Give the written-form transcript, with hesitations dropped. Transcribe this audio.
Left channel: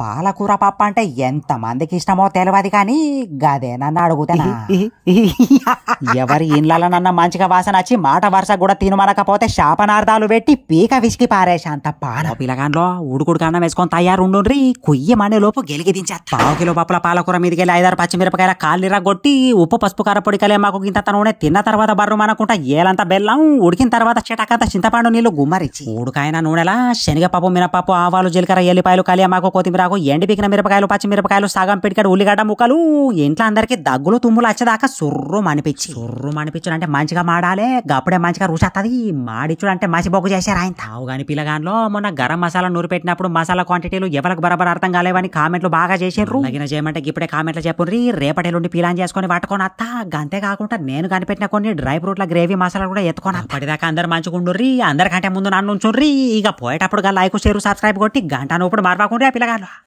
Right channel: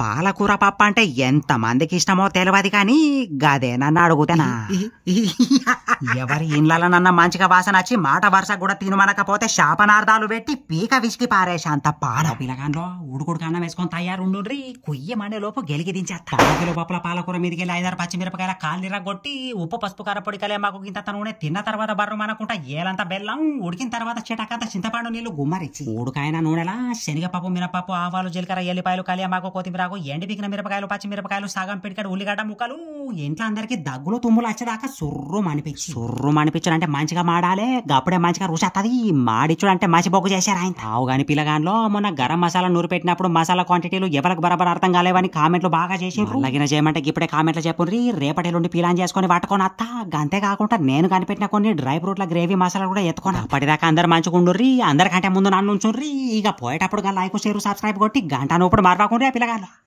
పాలకూర పప్పు అంటే ఎంత మందికి ఇష్టమో తెలియదు కానీ గదే నన్ను అడుగుతానా ఎవరి ఇండ్లనన్నా మంచిగా వాసన వచ్చి మాట వరుస కూడా తినమనకపోతే శాపనార్థాలు పెట్టి పీక విసికి పారేసా అంత పాల పిల్లగాంలో ఉడుకుడు కన్నం వేసుకొని తయారుండుండ్రి కుయ్యమనే లోపు గెలిగి దించేస్తా 1 కిలో పప్పుల పాలకూర మీదకి వెళ్ళి 5-6 పచ్చిమిరపకాయల కాళ్ళిరా కొట్టి ఉప్పు పసుపు కారపొడి కలిమాకు ఇంత నూనె తిన్న తర్వాత బర్రు మనకుంటా ఏలంతా బెల్లం ఉడికిన తర్వాత చిటకంత చింతపండు నీళ్లు గుమ్మరిచ్చి ఉడుకాయన నూనెలా శనగపప్పు మినపప్పు ఆవాలు జీలకర్ర ఎల్లిపాయలు కలిమాకు కొత్తిమీర ఎండి పీకిన మిరపకాయలు పచ్చిమిరపకాయలు సగం పిడికాడు ఉల్లిగడ్డ ముక్కలు ఇంట్లో అందరికి దగ్గులు తుమ్ములు వచ్చేదాకా సుర్రు మనిపించు అంటే మంచిగా మాడాలే గప్పుడే మంచిగా రుచత్తది మాడిచ్చుడు అంటే మసి బొగ్గు చేశారు ఆయన తావు గాని పిల్లగాన్లో మొన్న గరం మసాలా నూరు పెట్టినప్పుడు మసాలా క్వాంటిటీలు ఎవరికి బరాబర్ అర్థం కాలేవని కామెంట్లు బాగా చేసిండ్రు లగిన చేయమంటే ఇప్పుడే కామెంట్లు చెప్పుండ్రి రేపటి నుండి ప్లాన్ చేసుకుని పట్టుకొని అత్త గంతే కాకుండా నేను కనిపెట్టిన కొన్ని డ్రై ఫ్రూట్ల గ్రేవీ మసాలా కూడా ఎత్తుకొని అప్పటిదాకా అందరు మంచుకుండ్రి అందరికంటే ముందు నన్ను ఉంచుండ్రి ఇక పోయేటప్పుడు లైక్ షేర్ సబ్స్క్రైబ్ కొట్టి గంట నూపుడు మరవకుండ్రి ఆ పిల్లగాళ్ళు